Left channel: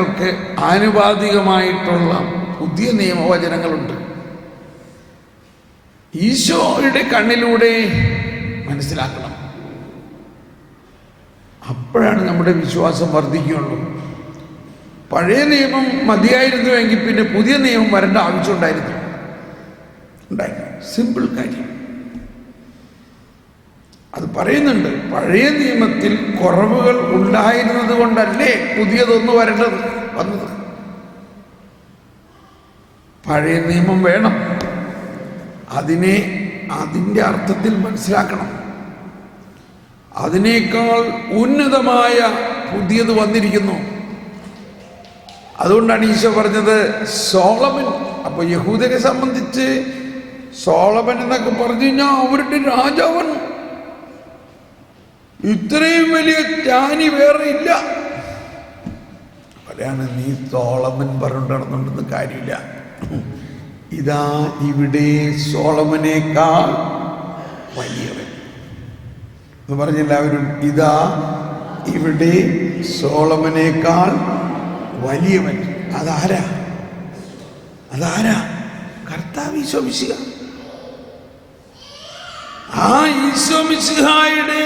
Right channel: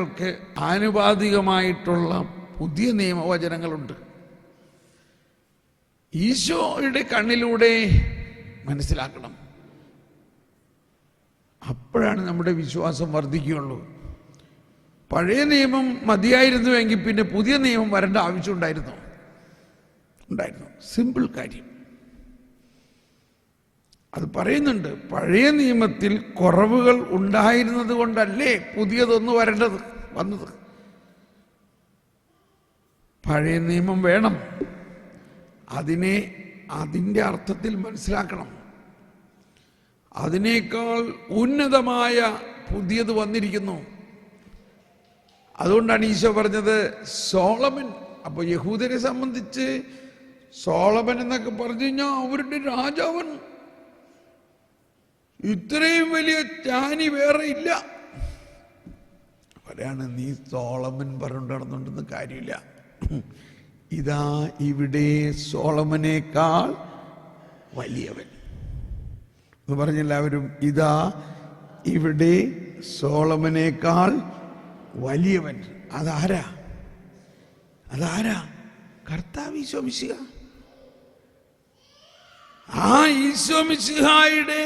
വചനങ്ങൾക്ക് ആനുപാതികമായിട്ടുള്ള പുതിയ നിയമവചനങ്ങളുണ്ട്. ഈശോയുടെ കണ്ണിലൂടെ മനസ്സിലാക്കണം. അപ്പോഴാണ് നമ്മുടെ വിശ്വാസം വർദ്ധിക്കുകയുള്ളൂ. പഴയ നിയമം മതിയായിരുന്നുവെങ്കിൽ പിന്നെ പുതിയ നിയമം വരേണ്ട ആവശ്യം ഉണ്ടായിരുന്നു. സിമ്പിൾ കാര്യം. അത് പറയുന്നുണ്ട്. പഴയ നിയമത്തിൽ കുറവുകൾ ഉണ്ടായിരുന്നത് കൊണ്ടല്ലേ പുതിയതൊന്ന് വന്നത്. പഴയ നിയമം വേണം. അതിൻ്റെ അർത്ഥത്തിൽ മനസ്സിലാക്കണം. അതിനേക്കാൾ ഉന്നതമായ പുതിയത് വന്നിരിക്കുന്നു. അതുകൊണ്ടാണ് ഈശോ പറഞ്ഞത് സോളമൻ. അപ്പോൾ യഹൂദരെ സംബന്ധിച്ച് സോളമൻ എന്നൊക്കെ പറഞ്ഞു കഴിഞ്ഞാൽ അവരുടെ രാജാവാണ്. ഇത്രയും വലിയ ജ്ഞാനി വേറെ ഇല്ല. പറയാണ് നീ സോളമൻ പറഞ്ഞിട്ട് നടന്നുകൊണ്ടൊന്നും കാര്യമില്ല. ഇതാ ഇവിടെ സോളമനേക്കാൾ വലിയവൻ എന്ന് പറഞ്ഞെല്ലാവരും. ഇതാ ഇവിടെ സോളമനേക്കാൾ വലിയവൻ. അതാരാ? കർത്താവ് ഈശോ മിശിഹ. ആ ഈശോ മിശിഹായുടെ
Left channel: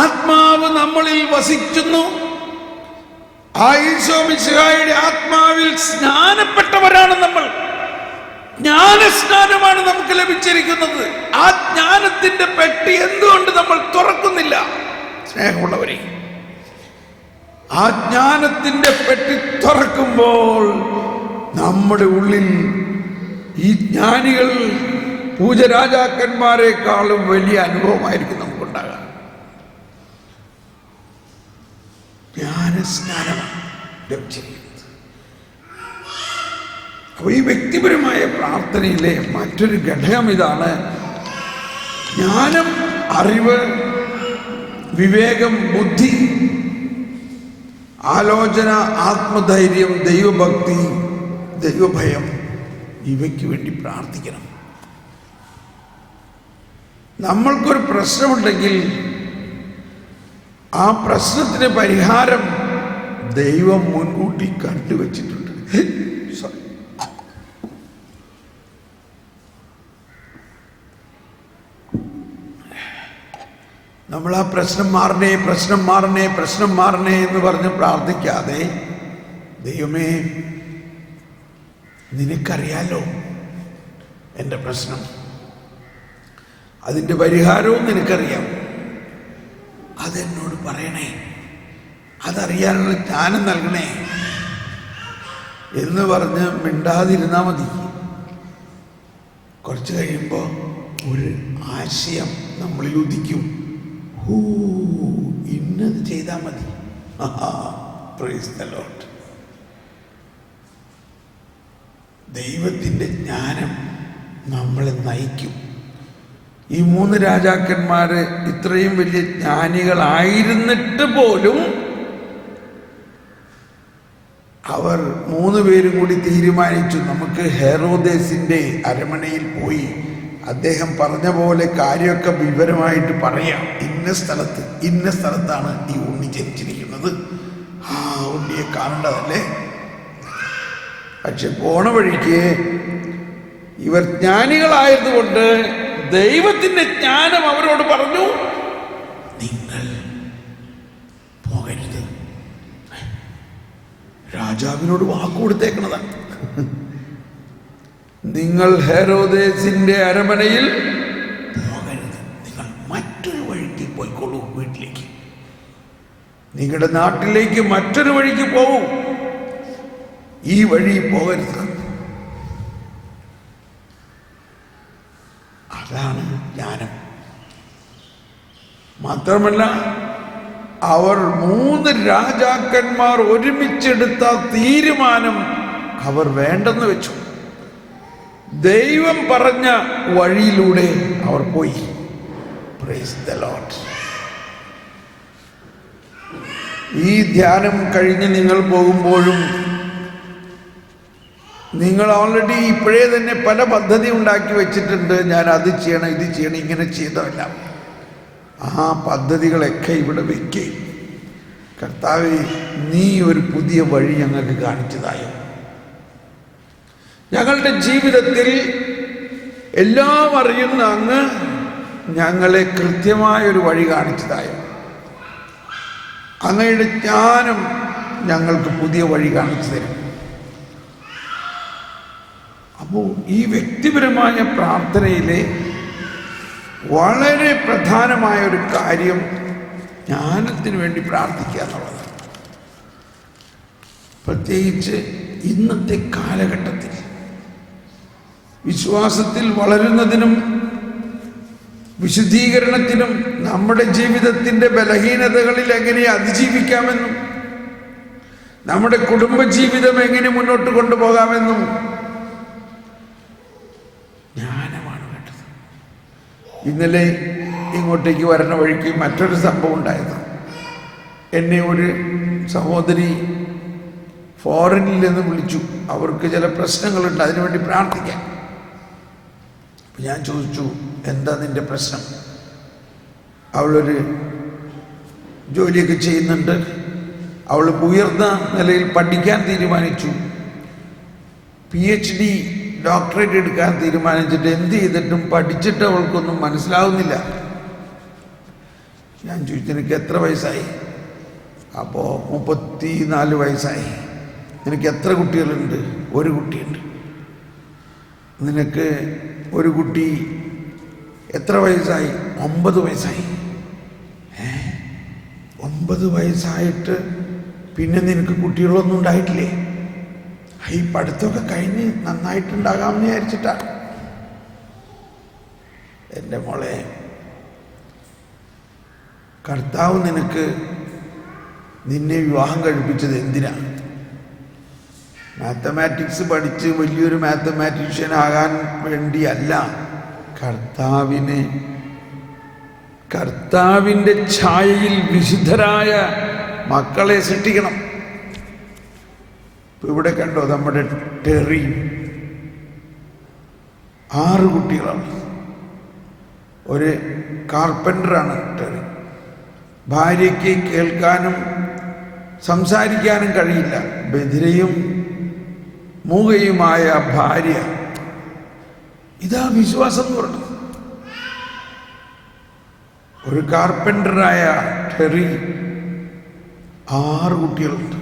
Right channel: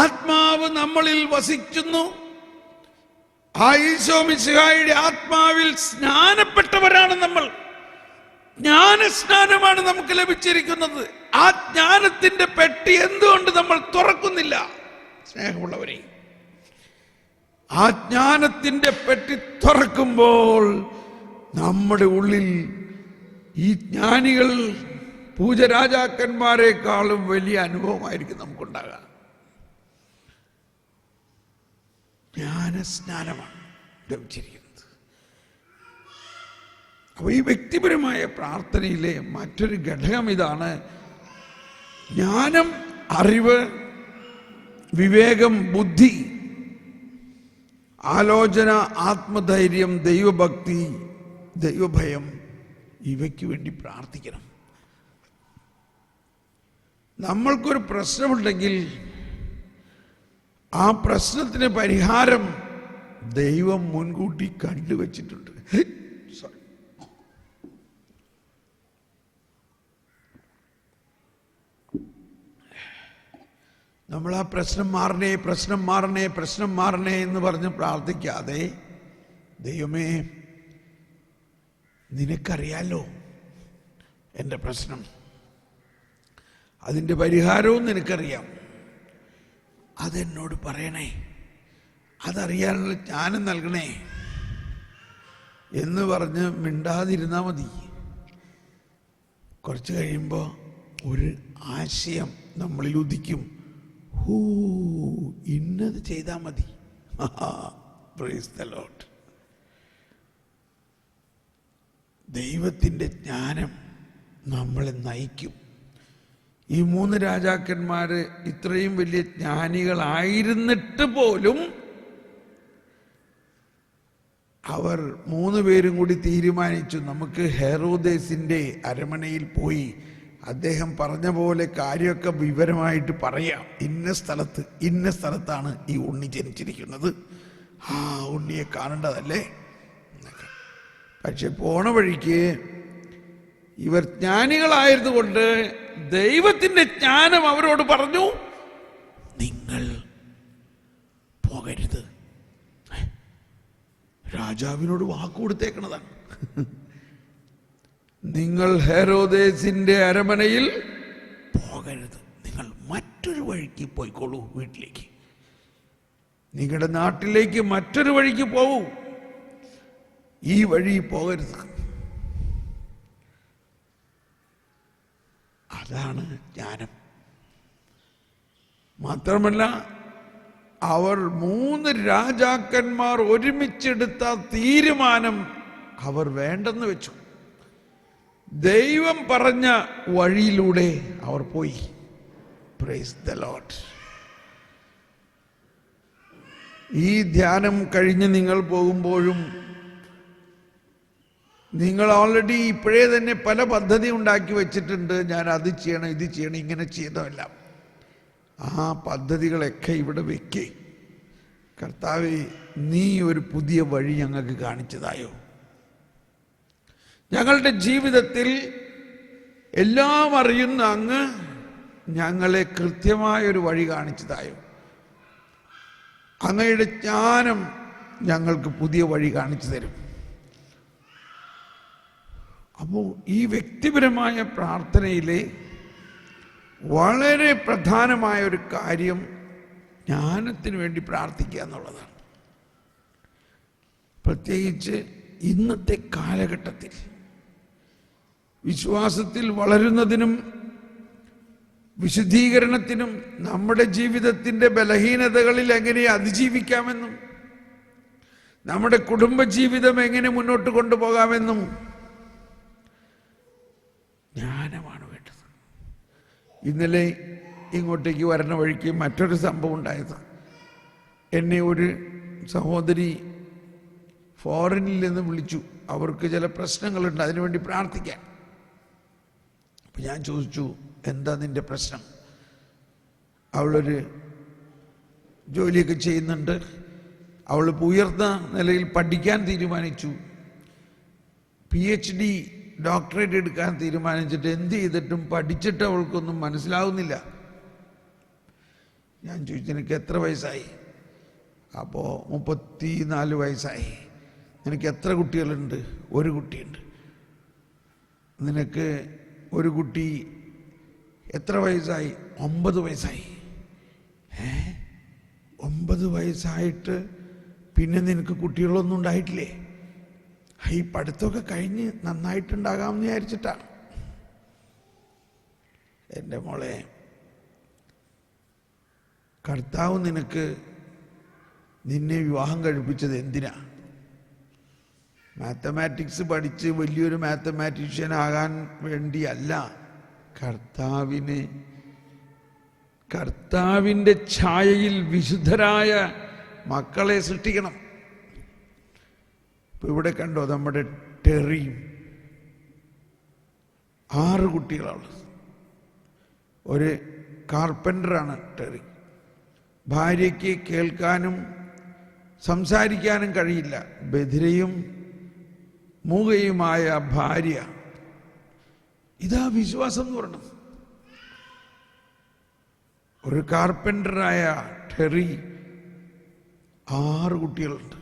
ആത്മാവ് നമ്മളിൽ വസിക്കുന്നു. ആ ഈശോ മിശിഹായുടെ ആത്മാവിൽ സ്നാനപ്പെട്ടവരാണ് നമ്മൾ. ജ്ഞാനസ്നാനമാണ് നമുക്ക് ലഭിച്ചിരിക്കുന്നത്. ആ ജ്ഞാനത്തിന്റെ പെട്ടി എന്തുകൊണ്ട് നമ്മൾ തുറക്കുന്നില്ല? സ്നേഹമുള്ളവരെ, ആ ജ്ഞാനത്തിന്റെ പെട്ടി തുറക്കുമ്പോൾ നമ്മുടെ ഉള്ളിൽ ഈ ജ്ഞാനികൾ പൂജരാജാക്കന്മാരെക്കാളും വലിയ അനുഭവമായിരിക്കും നമുക്കുണ്ടാകാം. ജ്ഞാനസ്നാനമാണ് ലഭിച്ചിരിക്കുന്നത്. അപ്പോൾ ഈ വ്യക്തിപരമായ പ്രാർത്ഥനയിലെ മറ്റൊരു ഘടകം ഇതാണ്. ജ്ഞാനം, അറിവ്, വിവേകം, ബുദ്ധി, ആലോചന, ആത്മധൈര്യം, ദൈവഭക്തി, ദൈവഭയം, ഇവയ്ക്ക് വേണ്ടി പ്രാർത്ഥിക്കണം. നമ്മൾക്കൊരു പ്രശ്നമുണ്ടെങ്കിൽ ആ പ്രശ്നത്തിന് പരിഹാരം ദൈവം മുൻകൂട്ടി കണ്ടുവച്ചിട്ടുണ്ട്. നമ്മൾ ആ പ്രശ്നം മാറണേ എന്ന് പറഞ്ഞ് പ്രാർത്ഥിക്കാതെ, ദൈവമേ നിനക്കറിയാലോ എൻ്റെ പ്രശ്നം, അതിൻ്റെ പരിഹാരവും നിനക്കറിയാം, അതെന്നോട് പറയണേ, അതറിയാനുള്ള ജ്ഞാനം നൽകണേ എന്ന് പറഞ്ഞ് മിണ്ടാതിരുന്നാൽ മതി. കുറച്ച് കഴിയുമ്പോൾ ഒരു ആശയം നമ്മളിൽ ഉദിക്കും. ഇന്നത് ചെയ്താൽ മതി. Praise the Lord. ദൈവത്തിൻ്റെ ജ്ഞാനം നമ്മളെ നയിക്കും. ഈ 3 രാജാക്കന്മാർ ഇത്രയും വലിയ ജ്ഞാനികളായിരുന്നിട്ട് പോലും അവർ 3 പേരും കൂടി തീരുമാനിച്ചു, നമുക്ക് ഹെറോദേസിൻ്റെ അരമനയിൽ പോയി അദ്ദേഹം പറഞ്ഞ പോലെ കാര്യമൊക്കെ വിവരമായിട്ട് പറയാം. ഇന്ന സ്ഥലത്താണ് ഈ ഉണ്ണി ജനിച്ചിരിക്കുന്നത്. ആ ഉണ്ണിയെ കാണേണ്ടതല്ലേ. പക്ഷെ പോണ വഴിക്ക് ഇവർ ജ്ഞാനികളായതുകൊണ്ട് ദൈവത്തിൻ്റെ ജ്ഞാനം അവരോട് പറഞ്ഞു, നിങ്ങൾ പോകരുത്. രാജാവിനോട് വാക്കുകൊടുത്തേക്കണതാണ്. നിങ്ങൾ ഹെറോദേസിന്റെ അരമനയിൽ പോകരുത്. നിങ്ങൾ മറ്റൊരു വഴിക്ക് പോയിക്കോളൂ. വീട്ടിലേക്ക്, നിങ്ങളുടെ നാട്ടിലേക്ക് മറ്റൊരു വഴിക്ക് പോകൂ. ഈ വഴി പോകരുത്. അതാണ് ജ്ഞാനം. മാത്രമല്ല, അവർ 3 രാജാക്കന്മാർ ഒരുമിച്ചെടുത്ത തീരുമാനം അവർ വേണ്ടെന്ന് വെച്ചു. ദൈവം പറഞ്ഞ വഴിയിലൂടെ അവർ പോയി. Praise the Lord. ഈ ധ്യാനം കഴിഞ്ഞ് നിങ്ങൾ പോകുമ്പോഴും നിങ്ങൾ ഓൾറെഡി ഇപ്പോഴേ തന്നെ പല പദ്ധതി ഉണ്ടാക്കി വെച്ചിട്ടുണ്ട്. ഞാൻ അത് ചെയ്യണം, ഇത് ചെയ്യണം, ഇങ്ങനെ ചെയ്തതല്ല. ആ പദ്ധതികളൊക്കെ ഇവിടെ വെക്കുക. കർത്താവേ, നീ ഒരു പുതിയ വഴി ഞങ്ങൾക്ക് കാണിച്ചതായോ? ഞങ്ങളുടെ ജീവിതത്തിൽ എല്ലാം അറിയുന്ന അങ്ങ് ഞങ്ങളെ കൃത്യമായൊരു വഴി കാണിച്ചതായോ? അങ്ങയുടെ ജ്ഞാനം ഞങ്ങൾക്ക് പുതിയ വഴി കാണിച്ചു തരും. അപ്പോൾ ഈ വ്യക്തിപരമായ പ്രാർത്ഥനയിലെ വളരെ പ്രധാനമായ ഒരു കാര്യം ജ്ഞാനത്തിന് വേണ്ടി പ്രാർത്ഥിക്കുക എന്നുള്ളതാണ്. പ്രത്യേകിച്ച് ഇന്നത്തെ കാലഘട്ടത്തിൽ വിശ്വാസത്തിൽ വളരുന്നതിനും വിശുദ്ധീകരണത്തിനും നമ്മുടെ ജീവിതത്തിൻ്റെ ബലഹീനതകളിൽ എങ്ങനെ അതിജീവിക്കാമെന്നും നമ്മുടെ കുടുംബജീവിതം എങ്ങനെ മുന്നോട്ട് കൊണ്ടുപോകാമെന്നും ജ്ഞാനമാണ് വേണ്ടത്. ഇന്നലെ ഇങ്ങോട്ടേക്ക് വരുന്ന വഴിക്ക് മറ്റൊരു സംഭവം ഉണ്ടായത്. എന്നെ ഒരു സഹോദരി ഫോറിനിൽ നിന്ന് വിളിച്ചു. അവർക്ക് ചില പ്രശ്നങ്ങളുണ്ട്, അതിനുവേണ്ടി പ്രാർത്ഥിക്കാൻ. അപ്പം ഞാൻ ചോദിച്ചു, എന്താ നിൻ്റെ പ്രശ്നം? അവളൊരു ജോലിയൊക്കെ ചെയ്യുന്നുണ്ട്, അവൾ ഉയർന്ന നിലയിൽ പഠിക്കാൻ തീരുമാനിച്ചു, PhD ഡോക്ടറേറ്റ് എടുക്കാൻ തീരുമാനിച്ചിട്ട് എന്ത് ചെയ്തിട്ടും പഠിച്ചിട്ട് അവൾക്കൊന്നും മനസ്സിലാവുന്നില്ല. ഞാൻ ചോദിച്ചു, നിനക്ക് എത്ര വയസ്സായി? അപ്പോൾ 34 വയസ്സായി. നിനക്ക് എത്ര കുട്ടികളുണ്ട്? ഒരു കുട്ടിയുണ്ട്. നിനക്ക് ഒരു കുട്ടി എത്ര വയസ്സായി? 9 വയസ്സായി. 9 വയസ്സായിട്ട് പിന്നെ നിനക്ക് കുട്ടികളൊന്നും ഉണ്ടായിട്ടില്ലേ? ഈ പഠിത്തമൊക്കെ കഴിഞ്ഞ് നന്നായിട്ടുണ്ടാകാമെന്ന് വിചാരിച്ചിട്ടാണ്. എൻ്റെ മോളെ, കർത്താവ് നിന്നെ വിവാഹം കഴിപ്പിച്ചത് എന്തിനാ? മാത്തമാറ്റിക്സ് പഠിച്ച് വലിയൊരു മാത്തമാറ്റീഷ്യൻ ആകാൻ വേണ്ടിയല്ല. കർത്താവിൻ്റെ ഛായയിൽ വിശുദ്ധരായ മക്കളെ സൃഷ്ടിക്കണം. ഇവിടെ കണ്ടോ, നമ്മുടെ ടെറി 6 കുട്ടികളാണ്. ഒരു കാർപ്പൻ്ററാണ് ടെറി. ഭാര്യയ്ക്ക് കേൾക്കാനും സംസാരിക്കാനും കഴിയില്ല. ബധിരയും മൂകയുമായ ഭാര്യ. ഇതാ വിശ്വാസം എന്ന് പറയുന്നത്. ഒരു കാർപ്പൻ്ററായ ടെറി 6 കുട്ടികളുണ്ട്.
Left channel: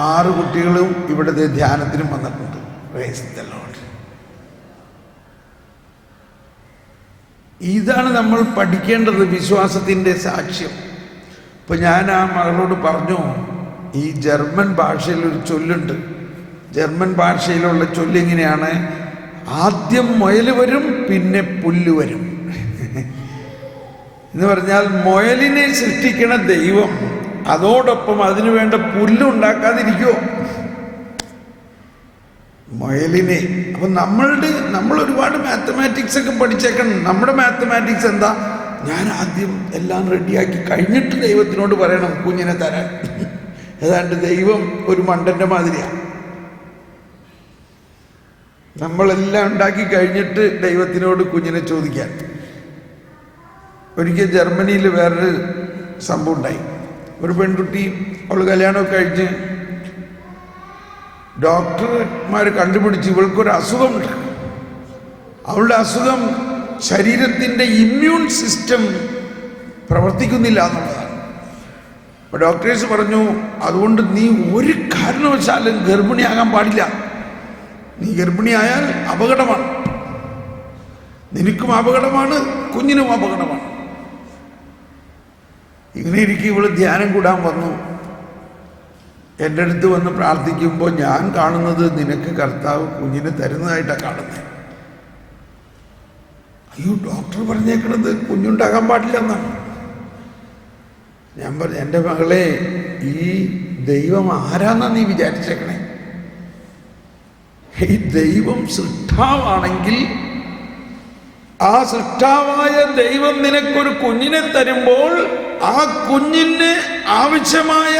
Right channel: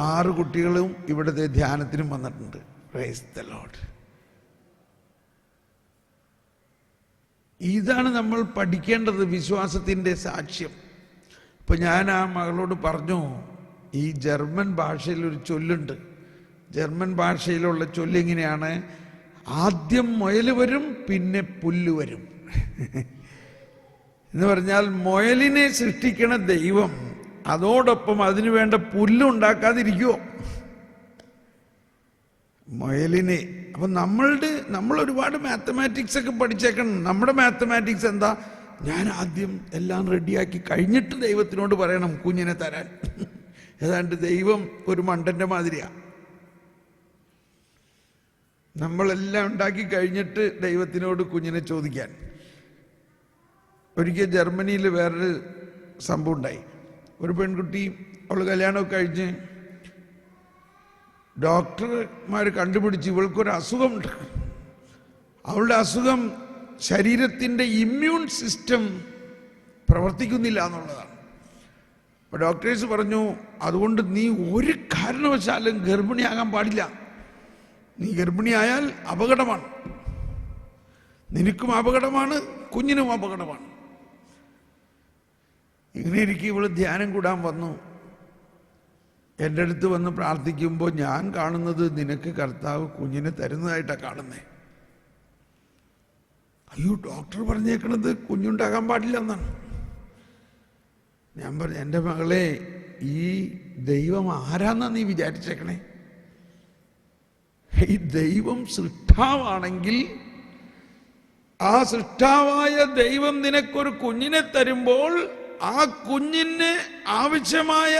6 കുട്ടികളും ഇവിടുത്തെ ധ്യാനത്തിനും വന്നിട്ടുണ്ട്. Praise the Lord. ഇതാണ് നമ്മൾ പഠിക്കേണ്ടത്, വിശ്വാസത്തിൻ്റെ സാക്ഷ്യം. ഇപ്പം ഞാൻ ആ മകളോട് പറഞ്ഞു, ഈ ജർമ്മൻ ഭാഷയിൽ ഒരു ചൊല്ലുണ്ട്. ജർമ്മൻ ഭാഷയിലുള്ള ചൊല്ലിങ്ങനെയാണ്: ആദ്യം മുയൽ വരും, പിന്നെ പുല്ല് വരും. എന്ന് പറഞ്ഞാൽ മുയലിനെ സൃഷ്ടിക്കണ ദൈവം അതോടൊപ്പം അതിനു വേണ്ട പുല്ലുണ്ടാക്കാതിരിക്കുമോ? മുയലിനെ. അപ്പം നമ്മൾ ഒരുപാട് മാത്തമാറ്റിക്സ് ഒക്കെ പഠിച്ചേക്കണം. നമ്മുടെ മാത്തമാറ്റിക്സ് എന്താ? ഞാൻ ആദ്യം എല്ലാം റെഡിയാക്കി കഴിഞ്ഞിട്ട് ദൈവത്തിനോട് പറയണം കുഞ്ഞിനെ തരാൻ. ഏതാണ്ട് ദൈവം ഒരു മണ്ടൻ്റെ മാതിരിയാണ്. നമ്മളെല്ലാം ഉണ്ടാക്കി കഴിഞ്ഞിട്ട് ദൈവത്തിനോട് കുഞ്ഞിനെ ചോദിക്കാൻ. ഒരിക്കൽ ജർമ്മനിയിൽ വേറൊരു സംഭവം ഉണ്ടായി. ഒരു പെൺകുട്ടി, അവൾ കല്യാണമൊക്കെ കഴിഞ്ഞ് ഡോക്ടർമാർ കണ്ടുപിടിച്ച് ഇവൾക്കൊരു അസുഖമുണ്ട്. അവളുടെ അസുഖം ശരീരത്തിൻ്റെ ഇമ്മ്യൂൺ സിസ്റ്റം പ്രവർത്തിക്കുന്നില്ല എന്നുള്ളതാണ്. അപ്പോൾ ഡോക്ടേഴ്സ് പറഞ്ഞു, അതുകൊണ്ട് നീ ഒരു കാരണവശാലും ഗർഭിണിയാകാൻ പാടില്ല. നീ ഗർഭിണിയായാൽ അപകടമാണ്. നിനക്കും അപകടമാണ്, കുഞ്ഞിനും അപകടമാണ്. ഇങ്ങനെ ഇരിക്കും. ഇവൾ ധ്യാനം കൂടാൻ വന്നു. എൻ്റെ അടുത്ത് വന്ന് പ്രാർത്ഥിക്കുമ്പോൾ ഞാൻ കാണുന്നത് നിനക്ക് കർത്താവ് കുഞ്ഞിനെ തരുന്നതായിട്ടാണ് കാണുന്നത്. അയ്യോ, ഡോക്ടർ പറഞ്ഞേക്കണത് കുഞ്ഞുണ്ടാകാൻ പാടില്ല എന്നാണ്. ഞാൻ പറഞ്ഞു, എൻ്റെ മകളെ, ഈ ദൈവം ആരാന്നാ നീ വിചാരിച്ചേക്കണേ? ഈ ദൈവം സൃഷ്ടാവാണെങ്കിൽ ആ സൃഷ്ടാവായ ദൈവം നിനക്കൊരു കുഞ്ഞിനെ തരുമ്പോൾ ആ കുഞ്ഞിന് ആവശ്യമായ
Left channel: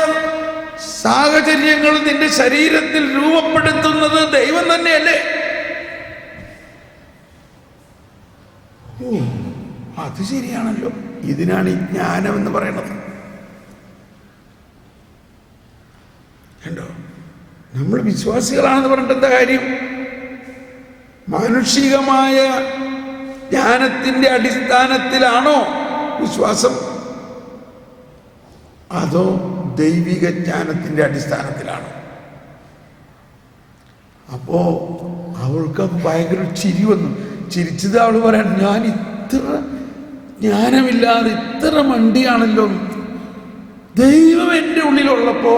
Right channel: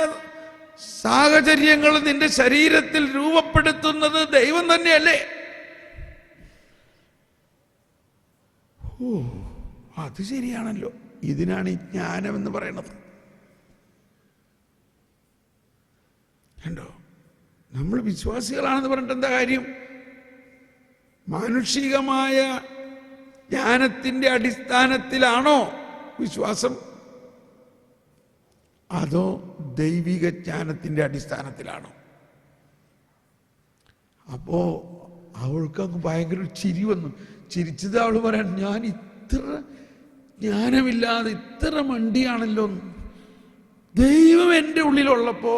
സാഹചര്യങ്ങൾ നിന്റെ ശരീരത്തിൽ രൂപപ്പെടുത്തുന്നത് ദൈവം തന്നെയല്ലേ? അത് ശരിയാണല്ലോ. ഇതിനാണ് ഈ ജ്ഞാനം എന്ന് പറയുന്നത്. കണ്ടോ? നമ്മൾ വിശ്വാസികളാണെന്ന് പറഞ്ഞിട്ട് എന്താ കാര്യം? മാനുഷികമായ ജ്ഞാനത്തിന്റെ അടിസ്ഥാനത്തിലാണോ വിശ്വാസം, അതോ ദൈവിക ജ്ഞാനത്തിന്റെ അടിസ്ഥാനത്തിലാണോ? അപ്പോ അവൾക്ക് ഭയങ്കര ചിരി വന്നു. ചിരിച്ചത് അവൾ പറയാൻ, ഞാൻ ഇത്ര ജ്ഞാനമില്ലാതെ ഇത്ര മണ്ടിയാണല്ലോ. ദൈവം എൻ്റെ ഉള്ളിലുള്ളപ്പോ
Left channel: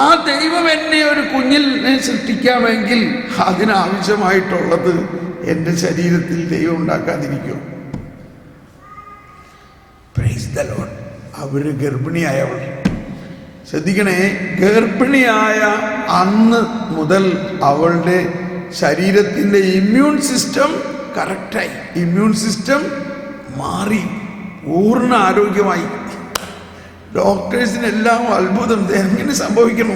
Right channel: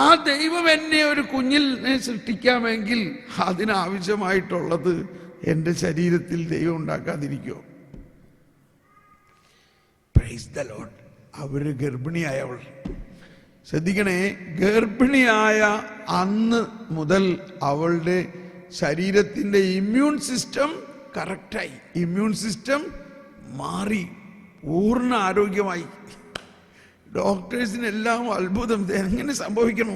ആ ദൈവം എന്നെ ഒരു കുഞ്ഞിനെ സൃഷ്ടിക്കാമെങ്കിൽ അതിനാവശ്യമായിട്ടുള്ളത് എൻ്റെ ശരീരത്തിൽ ദൈവം ഉണ്ടാക്കാതിരിക്കും. Praise the Lord. അവര് ഗർഭിണിയായവൾ, ശ്രദ്ധിക്കണേ, ഗർഭിണിയായ അന്ന് മുതൽ അവളുടെ ശരീരത്തിൻ്റെ ഇമ്മ്യൂൺ സിസ്റ്റം കറക്റ്റായി, ഇമ്മ്യൂൺ സിസ്റ്റം മാറി, പൂർണ്ണ ആരോഗ്യമായി. ഡോക്ടേഴ്സിനെല്ലാം അത്ഭുതം, എങ്ങനെ സംഭവിക്കണു?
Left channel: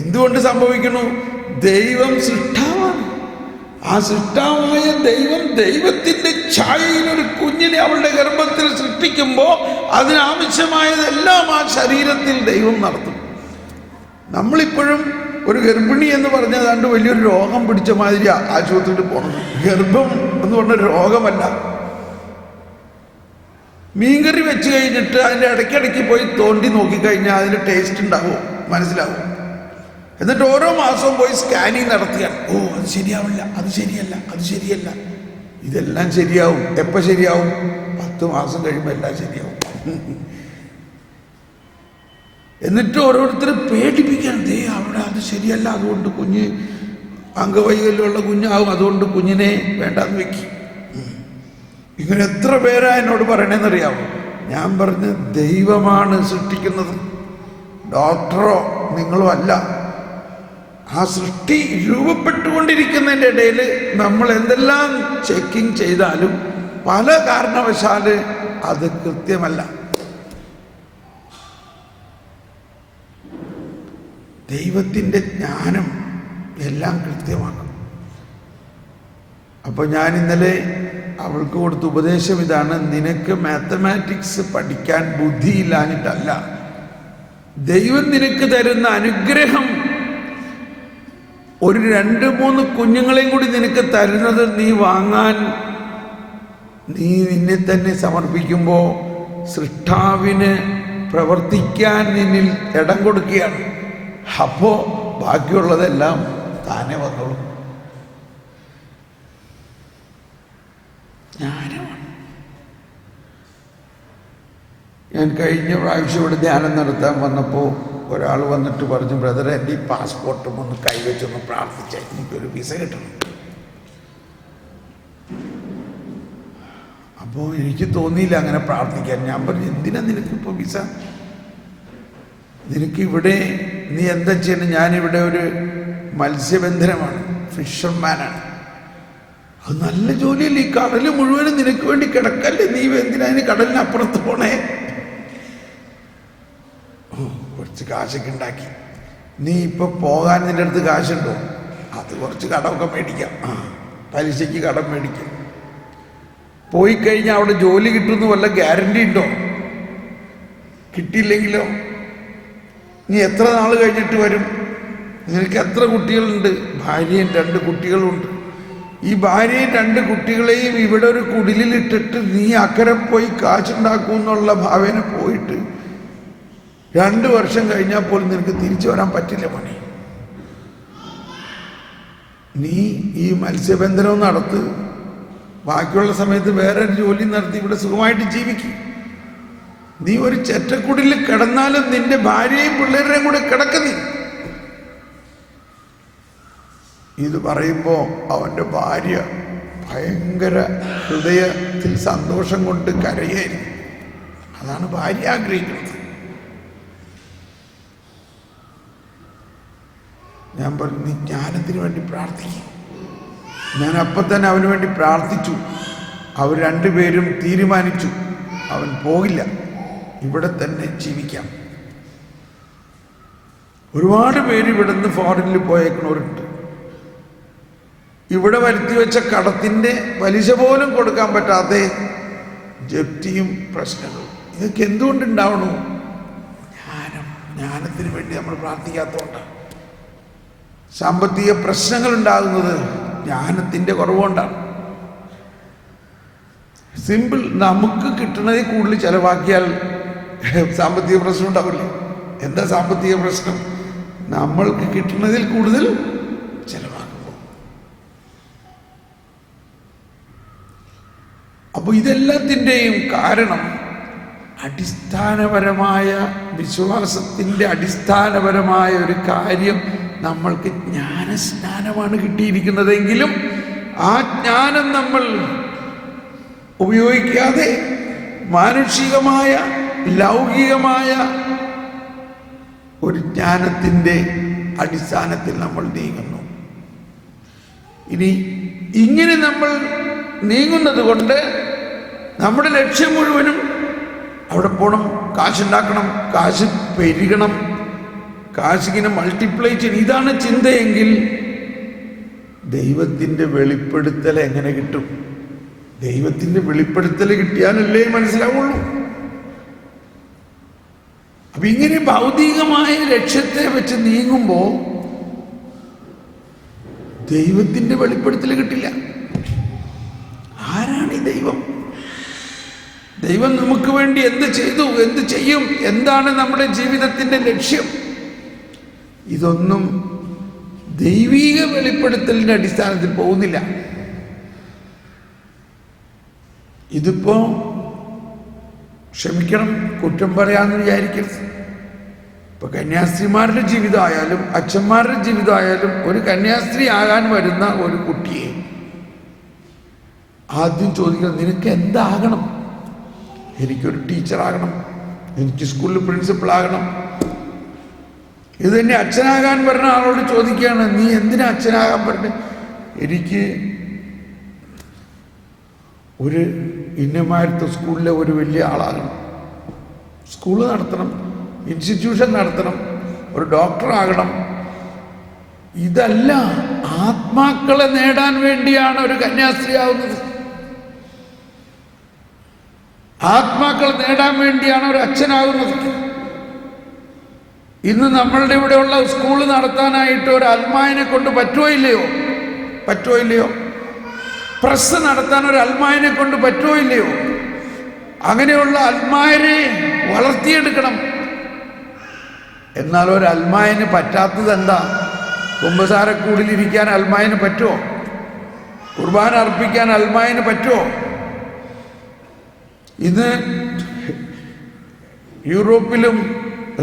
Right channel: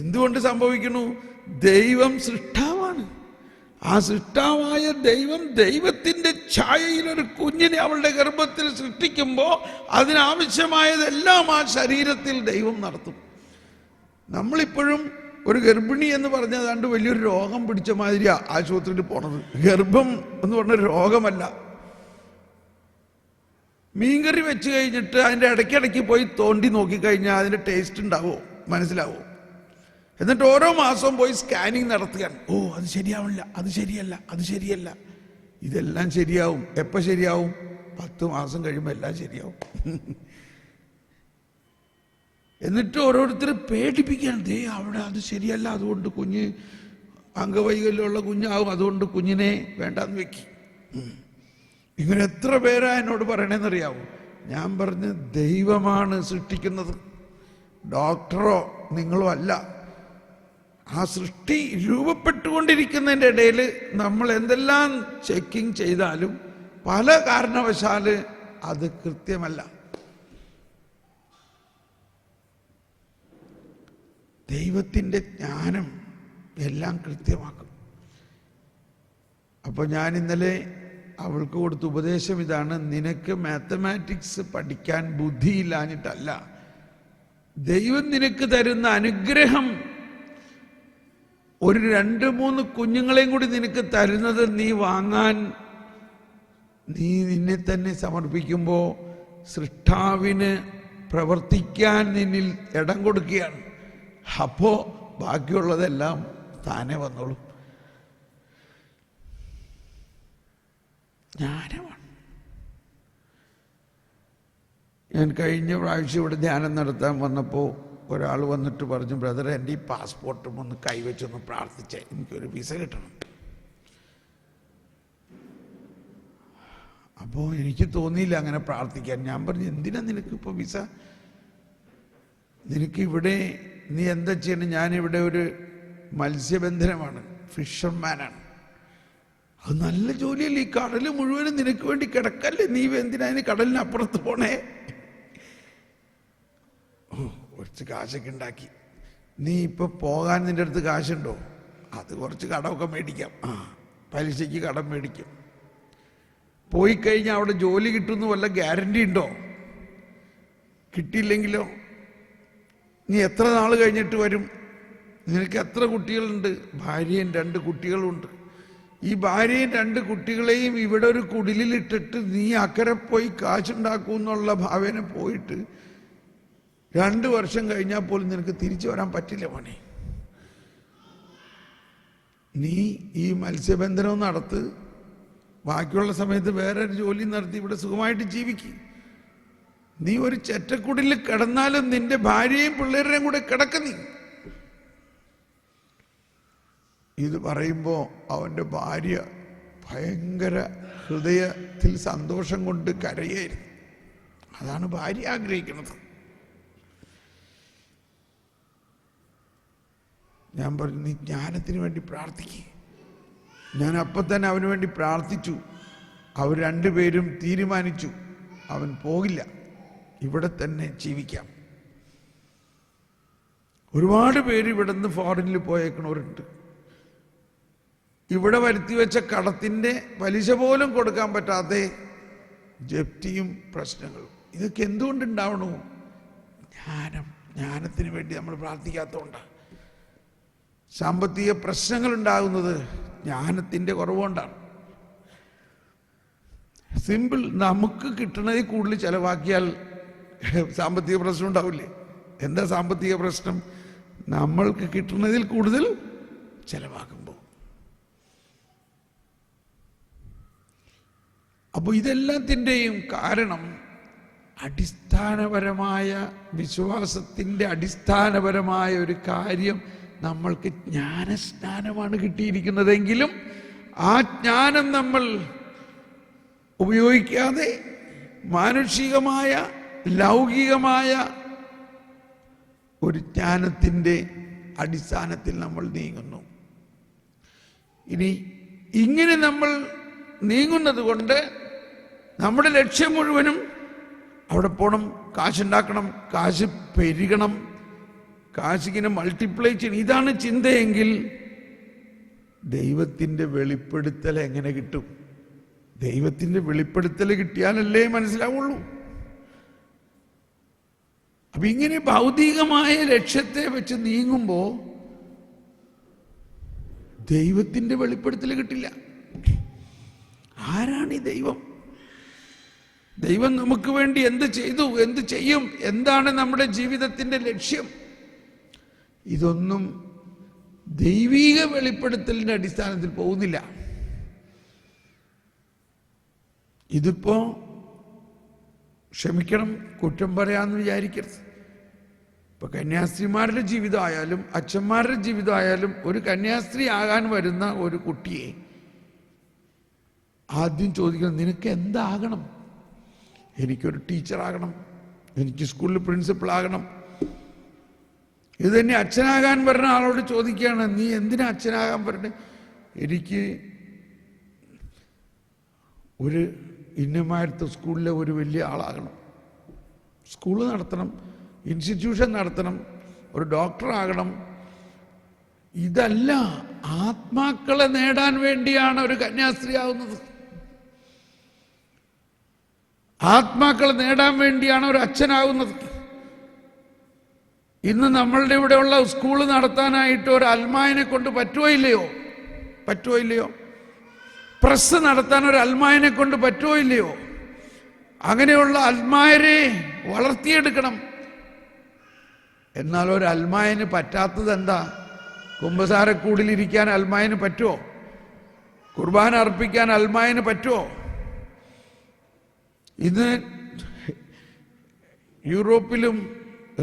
എന്തുകൊണ്ട് സംഭവിക്കണു? ദൈവം സൃഷ്ടാവാണ്. ആ സൃഷ്ടാവായ ദൈവം ദൈവത്തിന്റെ ഛായയിൽ ഒരു കുഞ്ഞിനെ അവളുടെ ഗർഭത്തിൽ സൃഷ്ടിക്കുമ്പോൾ അതിനാവശ്യമായതെല്ലാം ആ ശരീരത്തിൽ ദൈവം നടത്തും. നമ്മളിപ്പോഴും ഒരു ഗർഭിണി എന്ന് പറഞ്ഞാൽ അതാണ്ട് വലിയൊരു രോഗം പിടിച്ച മാതിരിയാ ആശുപത്രിയിൽ പോണത്. ഗർഭം എന്ന് പറഞ്ഞ രോഗമല്ല. മീൻകറി വെച്ച് കഴിഞ്ഞിട്ട് അതിൻ്റെ ഇടയ്ക്കിടയ്ക്ക് പോയി തോണ്ടി നോക്കിക്കഴിഞ്ഞാൽ അതിൻ്റെ ടേസ്റ്റ് ഉണ്ടാവുമോ? മനസ്സിലാവും. എന്നിട്ട് ഓരോ മാസവും പോയി സ്കാനിങ് നടത്തിയാൽ, ഓ അത് ശരിയാവില്ല, അത് ശരിയല്ല, അത് ശരിയല്ല. ഇതെല്ലാം ശരിയാവും. എപ്പോൾ ശരിയാവും? 10 മാസം കഴിയുമ്പോൾ എല്ലാം ശരിയാവും. എന്നിട്ട് ഓരോരുത്തർ പേടിപ്പിക്കാൻ, ദേ അവിടെ അത് ശരിയല്ല, അതുകൊണ്ട് കുഞ്ഞ് അംഗവൈകല്യമുള്ള കുഞ്ഞാവും, അതുകൊണ്ട് കുഞ്ഞിനെ വേണ്ടാന്ന് വെക്കി. ഇങ്ങനെ എത്ര പേരാ എന്നോട് പറയണേന്നറിയാമോ? ഞാൻ പറഞ്ഞ്, ദൈവമാണ് സൃഷ്ടിക്കുന്നത്, ഡോക്ടറോ നിങ്ങളോ അല്ല. ആ സൃഷ്ടി രൂപപ്പെട്ടുകൊണ്ടിരിക്കുന്നതിൻ്റെ ഇടയിൽ നമ്മൾ എന്തെല്ലാം ചെക്കിങ് ചെയ്താലും പല കാരണവശാല് അത് കൃത്യമല്ല. ദൈവത്തിൻ്റെ ജ്ഞാനം എല്ലാം കൃത്യമാക്കും. അപ്പോൾ ഞാൻ ഇന്നലെ അവൾക്ക് കൊടുത്ത ഉപദേശം ഇതാണ്: നിനക്ക് മാത്തമാറ്റിക്സ് പഠിക്കാൻ ബുദ്ധിയില്ലാഞ്ഞിട്ടല്ല, ദൈവം നിനക്ക് തരുന്ന അനുഗ്രഹം ഒരു 2-3 കുഞ്ഞുങ്ങളെയും കൂടി നിനക്ക് തരുന്നത് നീ വാങ്ങാൻ നീ നിന്നെ തന്നെ സമർപ്പിക്കുമ്പോൾ സൃഷ്ടാവിന് പ്രവർത്തിക്കാൻ നിന്നിൽ ഇടം കൊടുക്കുകയാണ്. അപ്പോൾ ബാക്കിയുള്ളതെല്ലാം താനെ വന്നോളും. ജ്ഞാനമാണ്. ഞാൻ കഴിഞ്ഞ പ്രാവശ്യം ഇവിടെ ധ്യാനം നടത്താൻ വന്നപ്പോൾ ഒരാൾ വന്നിട്ട് പറഞ്ഞു, ബ്രദറെ എൻ്റെ ഈ പാസ്പോർട്ടും ഒന്ന് കൈവച്ചൊന്ന് പ്രാർത്ഥിച്ചാൽ എനിക്കൊരു വിസ കിട്ടണം. അപ്പോൾ എനിക്ക് തോന്നിയില്ല അങ്ങനെ പ്രാർത്ഥിക്കാൻ. ഞാൻ പറഞ്ഞു, എന്തിനാ നിനക്കിപ്പോൾ വിസ? നിനക്കിവിടെ നീ എന്താ ചെയ്യണം? ഞാനിവിടെ ഒരു മത്സ്യബന്ധനമാണ്, ഫിഷർമാനാണ്. അത് നല്ല ജോലിയല്ലേ? ഈ കടൽ മുഴുവനും നിനക്ക് വേണ്ടി കിടക്കല്ലേ? നീ എന്തിനാ അതിന് കടലിനപ്പുറത്ത് പോണേ? കുറച്ച് കാശൊക്കെ ഉണ്ടാക്കി. നീ ഇപ്പൊ പോകാൻ നിന്റെ അടുത്ത് കാശുണ്ടോ? അത് കുറച്ച് കടമൊക്കെ മേടിക്കാം, പലിശയ്ക്ക് കടം മേടിക്കാം. പോയി കഴിഞ്ഞാൽ അവിടെ ജോലി കിട്ടുമെന്ന് വല്ല ഗ്യാരണ്ടി ഉണ്ടോ? കിട്ടിയില്ലെങ്കിലോ? നീ എത്ര നാൾ കഴിഞ്ഞിട്ട് വരും? നിനക്ക് എത്ര കുട്ടികളുണ്ട്? ഭാര്യയും 2 കുട്ടികളുണ്ട്. ഈ ഭാര്യയും 2 കുട്ടികളെയും ഇവിടെ ഒരു കുടിലിട്ടിട്ട് നീ അക്കരെ പോയി കാശുണ്ടാക്കുമെന്നുള്ള ഭാവേന പോയിട്ട് 2 വർഷം കഴിഞ്ഞാൽ പോലും നിനക്ക് തിരിച്ചു വരാൻ പറ്റില്ല പണി. നീ ഈ മത്സ്യബന്ധനവും നടത്ത്, ബാക്കിയുള്ള സമയത്ത് വേറെ ജോലി നടത്തി ഇവിടെ സുഖമായിട്ട് ജീവിക്കും. നീ ഒരു ചെറ്റക്കുടിൽ കിടന്നാലും നിന്റെ ഭാര്യയും പിള്ളേരുടെയും കൂടെ കിടക്കുന്നീ. ഇത് പറയുമ്പോൾ അവൻ്റെ ഭാര്യ ഭയങ്കര ഹൃദയത്തിൽ സന്തോഷം കൊണ്ട് കരയായിരുന്നു. അതാണ് ഭാര്യ ആഗ്രഹിക്കുന്നത്. ഞാൻ പറഞ്ഞു, നീ ജ്ഞാനത്തിന് വേണ്ടി പ്രാർത്ഥിക്കും. ഞാൻ അപ്പം തന്നെ അവന് വേണ്ടി പ്രാർത്ഥിച്ചു. അവർ 2 പേരും തീരുമാനിച്ചു, അവൻ പോകില്ല, ഇവിടെ തന്നെ ജീവിക്കാം. ഒരുപാട് പേര് ഇവിടെ നിന്ന് ഫോറിനിൽ പോയേക്കണവരുണ്ട്. ഇവിടെ വരുത്തി വെച്ച കടത്തിൻ്റെ പലിശ പോലും കൊടുക്കാൻ പറ്റാത്ത ജപ്തിയും പ്രശ്നങ്ങളും. ഇതൊക്കെ എന്തുകൊണ്ടുണ്ടാവണു? ജ്ഞാനം ജ്ഞാനത്തിന് വേണ്ടി നമ്മൾ പ്രാർത്ഥിക്കാത്തതുകൊണ്ടാണ്. സാമ്പത്തിക പ്രശ്നങ്ങൾ ഉണ്ടാകുന്നത് ജ്ഞാനത്തിൻ്റെ കുറവുകൊണ്ടാണ്. സിമ്പിൾ. നമുക്ക് കിട്ടുന്നതിൽ കൂടുതൽ ചെലവാക്കിയാൽ സാമ്പത്തിക പ്രശ്നം ഉണ്ടാവില്ല. എന്താ സാമ്പത്തിക പ്രശ്നം? നമ്മൾക്ക് കിട്ടുന്നതിൽ കൂടുതൽ ചെലവാക്കുമ്പോൾ. അപ്പോൾ ഇതെല്ലാത്തിൻ്റെയും കാരണം അടിസ്ഥാനപരമായ വിശ്വാസത്തിൻ്റെ അടിസ്ഥാനപരമായ ഒരു കാര്യം നമ്മൾക്ക് ജ്ഞാനസ്നാനമാണ് കിട്ടിയിരിക്കുന്നതെങ്കിലും ആ ജ്ഞാനം നമ്മൾ ഉപയോഗിക്കാതെ മാനുഷികമായ ലൗകികമായ ഒരു ജ്ഞാനത്തിൻ്റെ അടിസ്ഥാനത്തിൽ നമ്മൾ നീങ്ങുന്നു. ഇനി ഇങ്ങനെ നമ്മൾ നീങ്ങുന്നത് കൊണ്ട് നമ്മുടെ ലക്ഷ്യം മുഴുവനും അവിടെ പോകണം, കാശുണ്ടാക്കണം, കാശ് പെരുകണം, കാശിങ്ങനെ മൾട്ടിപ്ലൈ ചെയ്യണം, ഇതാണ് ചിന്തയെങ്കിൽ ദൈവത്തിൻ്റെ വെളിപ്പെടുത്തൽ എങ്ങനെ കിട്ടും? ദൈവത്തിൻ്റെ വെളിപ്പെടുത്തൽ കിട്ടിയാലല്ലേ മനസ്സിലാവുള്ളൂ. അപ്പൊ ഇങ്ങനെ ഭൗതികമായ ലക്ഷ്യത്തെ വെച്ച് നീങ്ങുമ്പോൾ ദൈവത്തിൻ്റെ വെളിപ്പെടുത്തൽ കിട്ടില്ല. ആരാണ് ഈ ദൈവം? ദൈവം നമുക്ക് വേണ്ടി എന്ത് ചെയ്തു, എന്ത് ചെയ്യും, എന്താണ് നമ്മുടെ ജീവിതത്തിൻ്റെ ലക്ഷ്യം? ഇതൊന്നും ദൈവീക വെളിപ്പെടുത്തലിൻ്റെ അടിസ്ഥാനത്തിൽ പോകുന്നില്ല. ഇതിപ്പോ ക്ഷമിക്കണം, കുറ്റം പറയാമെന്ന് വിചാരിക്കരുത്. ഇപ്പൊ കന്യാസ്ത്രീമാരുടെ ജീവിതമായാലും അച്ഛന്മാരുടെ ജീവിതമായാലും ഒരു കന്യാസ്ത്രീ ആകാൻ വരുന്ന ഒരു കുട്ടിയെ ആദ്യം ചോദിക്കണം, നിനക്ക് എന്താകണം? എനിക്കൊരു ടീച്ചറാകണം, എനിക്ക് സ്കൂളിൽ പ്രിൻസിപ്പളാകണം. ഇത് തന്നെ അച്ഛനാകാൻ പറഞ്ഞ ആളോട് ചോദിക്കുകയാണ്, നീ എന്തിനാ അച്ഛനാകാൻ പറഞ്ഞ? എനിക്ക് ഒരു ഇന്നമാരത്തെ സ്കൂളിലെ ഒരു വലിയ ആളാകണം, സ്കൂൾ നടത്തണം, ഇൻസ്റ്റിറ്റ്യൂഷൻ നടത്തണം, ഒരു ഡോക്ടറാകണം. ഇതല്ല, ആത്മാക്കളെ നേടാൻ വേണ്ടിയാണ് ഒരു കന്യാസ്ത്രീ ആവുന്നത്. ആത്മാക്കളെ നേടാൻ വേണ്ടിയാണ് ഒരു അച്ഛനാകുന്നത്. ഇന്ന് നമ്മളുടെ ഇവിടെയുള്ള സ്കൂൾ നടത്താനായിട്ട് ഒരു അൽമായനെ കൊണ്ട് പറ്റുമോ ഇല്ലയോ? പ്രസ് നടത്താൻ ഒരു അൽമായനെ കൊണ്ട് പറ്റുമോ ഇല്ലയോ? അങ്ങനെയുള്ള അൽമായരെ വളർത്തിയെടുക്കണം. എന്നാൽ ഒരു അൽമായന് പറ്റാത്തത് എന്താ? കുമ്പസാരക്കൂടിലിരിക്കാൻ അൽമായന് പറ്റുമോ? കുർബാന അർപ്പിക്കാൻ അൽമായന് പറ്റുമോ? ഇന്ന് യൂറോപ്പിലും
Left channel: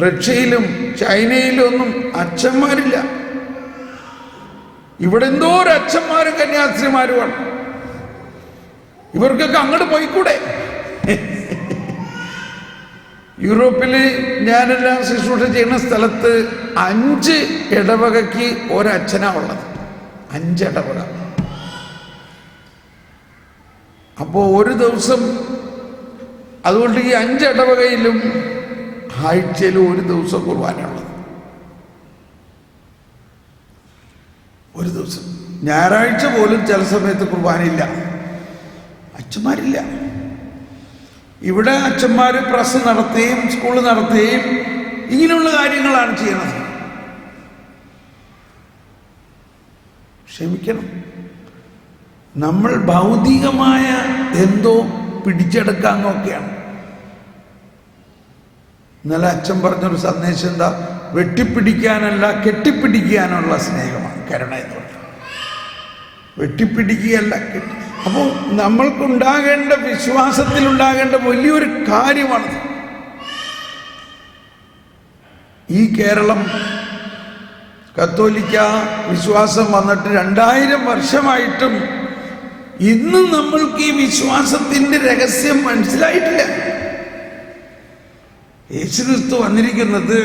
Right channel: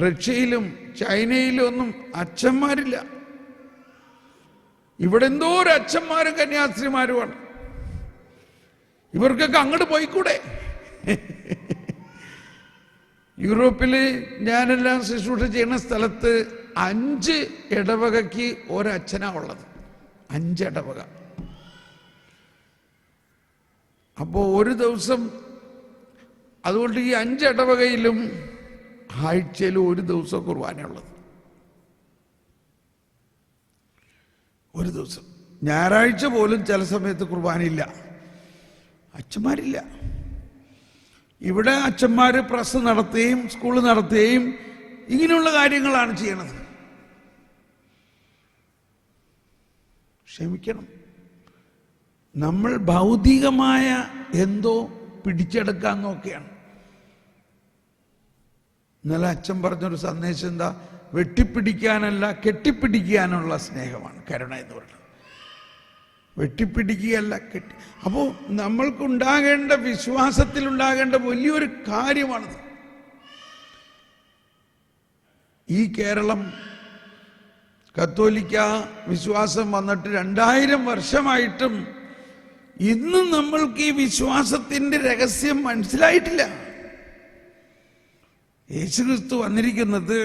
റഷ്യയിലും ചൈനയിലും ഒന്നും അച്ഛന്മാരില്ല. ഇവിടെ എന്തോ ഒരു അച്ഛന്മാരും കന്യാസ്ത്രീമാരുമാണ്. ഇവർക്കൊക്കെ അങ്ങോട്ട് പോയിക്കൂടെ? യൂറോപ്പിൽ ഞാനെല്ലാം ശുശ്രൂഷ ചെയ്യുന്ന സ്ഥലത്ത് 5 ഇടവകയ്ക്ക് ഒരച്ഛനാ ഉള്ളത്. 5 ഇടവക. അപ്പോൾ ഒരു ദിവസം, അതുകൊണ്ട് ഈ 5 ഇടവകയിലും ആഴ്ചയിൽ ഒരു ദിവസം കുർബാനയുള്ളത്. ഒരു ദിവസം ഞായറാഴ്ച പോലും ചില സമയത്ത് കുർബാനയില്ല, അച്ഛന്മാരില്ല. ഇവിടെ അച്ഛന്മാർ പ്രസ് നടത്തുകയും സ്കൂൾ നടത്തുകയും ഇങ്ങനെയുള്ള കാര്യങ്ങളാണ് ചെയ്യുന്നത്. ക്ഷമിക്കണം, നമ്മൾ ഭൗതികമായ എന്തോ പിടിച്ചെടുക്കാൻ നോക്കുകയാണ്. ഇന്നലെ അച്ഛൻ പറഞ്ഞൊരു സന്ദേശം എന്താ? വെട്ടിപ്പിടിക്കാനല്ല കെട്ടിപ്പിടിക്കാനുള്ള സ്നേഹമാണ് കരുണ എന്ന് പറയുന്നത്. വെട്ടിപ്പിടിക്കുകയല്ല, അപ്പോൾ നമ്മൾക്കുണ്ടാകേണ്ട, വിശ്വാസത്തിലുണ്ടാകേണ്ട വലിയൊരു കാര്യമാണ്. ഈ കേരളം കത്തോലിക്ക വിശ്വാസം വന്നിട്ട് 2000 വർഷമായിട്ടും ഇന്നും നമ്മൾക്ക് ഈ വിശ്വാസത്തിൻ്റെ രഹസ്യം മനസ്സിലായിട്ടില്ല. യേശുക്രിസ്തു വന്നിരിക്കുന്നത്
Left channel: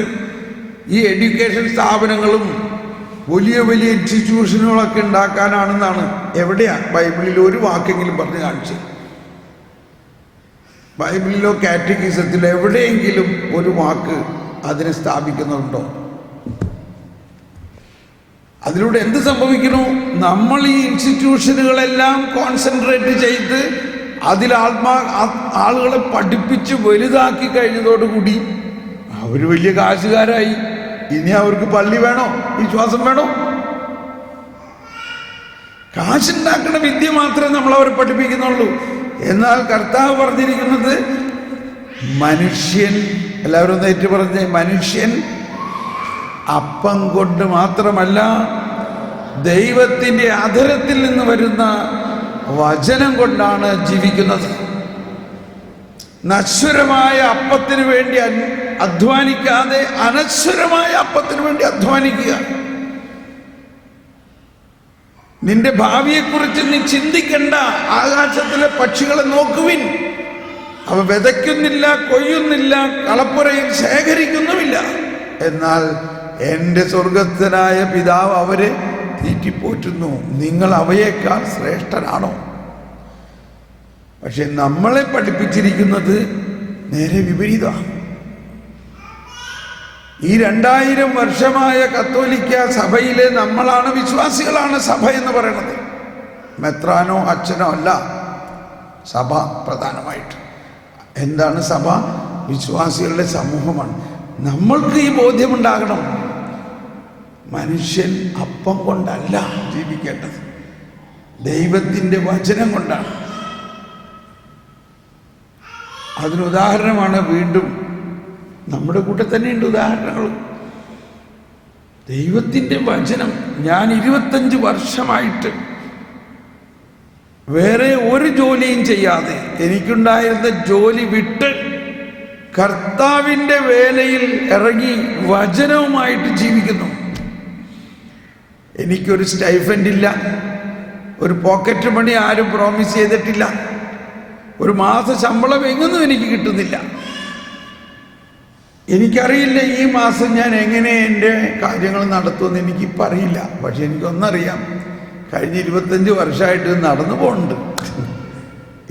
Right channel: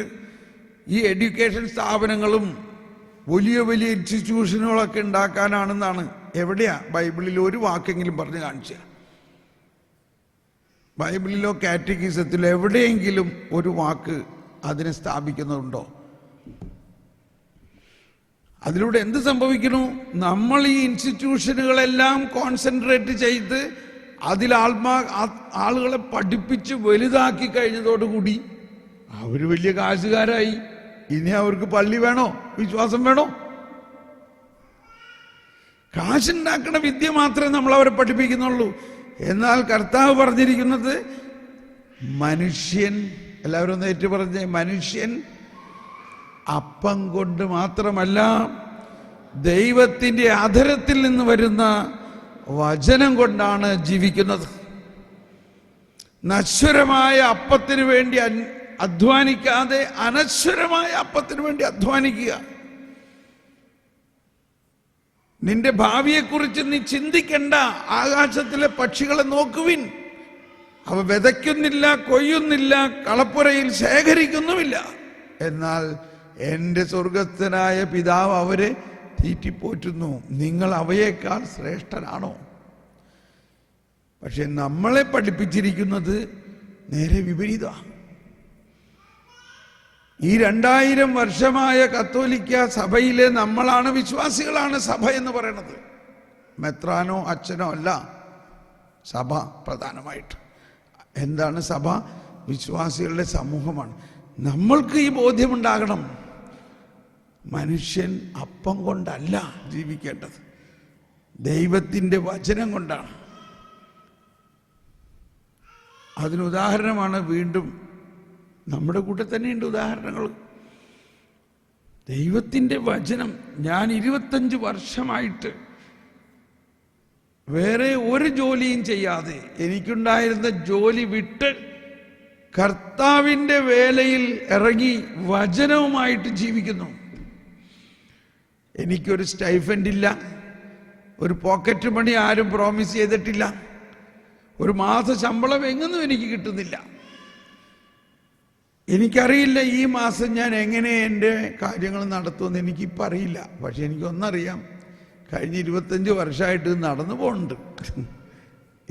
ഈ എഡ്യൂക്കേഷൻ സ്ഥാപനങ്ങളും വലിയ വലിയ ഇൻസ്റ്റിറ്റ്യൂഷനുകളൊക്കെ ഉണ്ടാക്കാനാണെന്നാണ്. എവിടെയാ ബൈബിളിൽ ഒരു വാക്കെങ്കിലും പറഞ്ഞ് കാണിച്ചു? ബൈബിളിലോ കാറ്റഗിസത്തിലോ എവിടെയെങ്കിലും ഒരു വാക്ക് അതിനെ സ്ഥാപിക്കുന്നുണ്ടോ? അതിലൂടെ എന്ത് സംഭവിക്കുന്നു? നമ്മൾ ഈ ഇൻസ്റ്റിറ്റ്യൂഷനുകളെല്ലാം കോൺസെൻട്രേറ്റ് ചെയ്ത് അതിൽ ആളുകളെ പഠിപ്പിച്ച് വലുതാക്കി കഴിഞ്ഞതോടുകൂടി അവർ വലിയ കാശുകാരായി. ഇനി അവർക്ക് പള്ളി വേണോ, വിശ്വാസം വേണോ? കാശുണ്ടാക്കണ വിദ്യ മാത്രമേ നമ്മളവരെ പഠിപ്പിക്കുന്നുള്ളൂ. എന്നാൽ കർത്താവ് പറഞ്ഞിരിക്കുന്നത് മനുഷ്യൻ, എല്ലാവരും ഒന്ന് ഏറ്റു പറഞ്ഞേ, മനുഷ്യൻ അപ്പം കൊണ്ട് മാത്രമല്ല ദൈവത്തിൻ്റെ അധരത്തിൽ നിന്ന് വരുന്ന വചനം കൊണ്ടാണ് ജീവിക്കുന്നത്. നശ്വരമായ അപ്പത്തിന് വേണ്ടി അധ്വാനിക്കാതെ അനശ്വരമായ അപ്പത്തിന് വേണ്ടി അധ്വാനിക്കുക. നിന്റെ ഭാവിയെക്കുറിച്ച് നീ ചിന്തിക്കണ്ട. ആകാശത്തിലെ പക്ഷികളെ നോക്കുവിൻ, അവ വിതയ്ക്കുന്നില്ല, കൊയ്യുന്നില്ല, കളപ്പുരയിൽ ശേഖരിക്കുന്നുമില്ല, എന്നാൽ എൻ്റെ സ്വർഗസ്ഥനായ പിതാവ് അവരെ തീറ്റിപ്പോറ്റുന്നു. നിങ്ങൾ അവയേക്കാൾ ശ്രേഷ്ഠരാണോ? പക്ഷെ നമ്മളെ പഠിപ്പിച്ചിരിക്കുന്നത് നേരെ വിപരീതമാണ്. ഈ 2000 വർഷമായ കത്തോലിക്ക സഭയിലെ നമ്മളാണ്, വിശ്വാസികളാണ് സഭ എന്ന് പറയുന്നത്. മെത്രാനോ അച്ഛനോ അല്ല സഭ. പ്രധാനമായിട്ട് എന്താണ് സഭ? വിശ്വാസികളുടെ സമൂഹമാണ്. നമ്മൾക്ക് ഈ ബോധ്യമുണ്ടാകണം, മനുഷ്യൻ അപ്പം കൊണ്ടല്ല ജീവിക്കേണ്ടത്, ദൈവത്തിൻ്റെ വചനം കൊണ്ടാണ്. അതിനുദാഹരണമാണ് വീണ്ടും നമ്മുടെ കൂട്ടത്തിൽ തന്നെയുണ്ട് ഉദാഹരണങ്ങൾ. ദൈവത്തിൻ്റെ വചനം. ഞാൻ 25 വർഷമായിട്ട് വേറെ ഒരു ജോലിയും ചെയ്യാതെ, എനിക്കുണ്ടായിരുന്ന ജോലി വിട്ട് കർത്താവിൻ്റെ വേലയിൽ ഇറങ്ങി വചനവുമായിട്ട് ജീവിക്കുന്നു. എനിക്കൊരു സ്റ്റൈഫൻഡ് ഇല്ല, ഒരു പോക്കറ്റ് മണി ആരും പ്രോമിസ് ചെയ്തിട്ടില്ല, ഒരു മാസ ശമ്പളം എങ്ങൊന്നും എനിക്ക് കിട്ടുന്നില്ല. എനിക്കറിയില്ല ഈ മാസം ഞാൻ എങ്ങനെ എൻ്റെ കാര്യങ്ങൾ നടത്തുമെന്ന് എനിക്കിപ്പോൾ അറിയില്ല. പക്ഷെ എനിക്കൊന്നറിയാം, കഴിഞ്ഞ 25 വർഷമായിട്ട് ഇത് നടന്നു പോകുന്നുണ്ട്.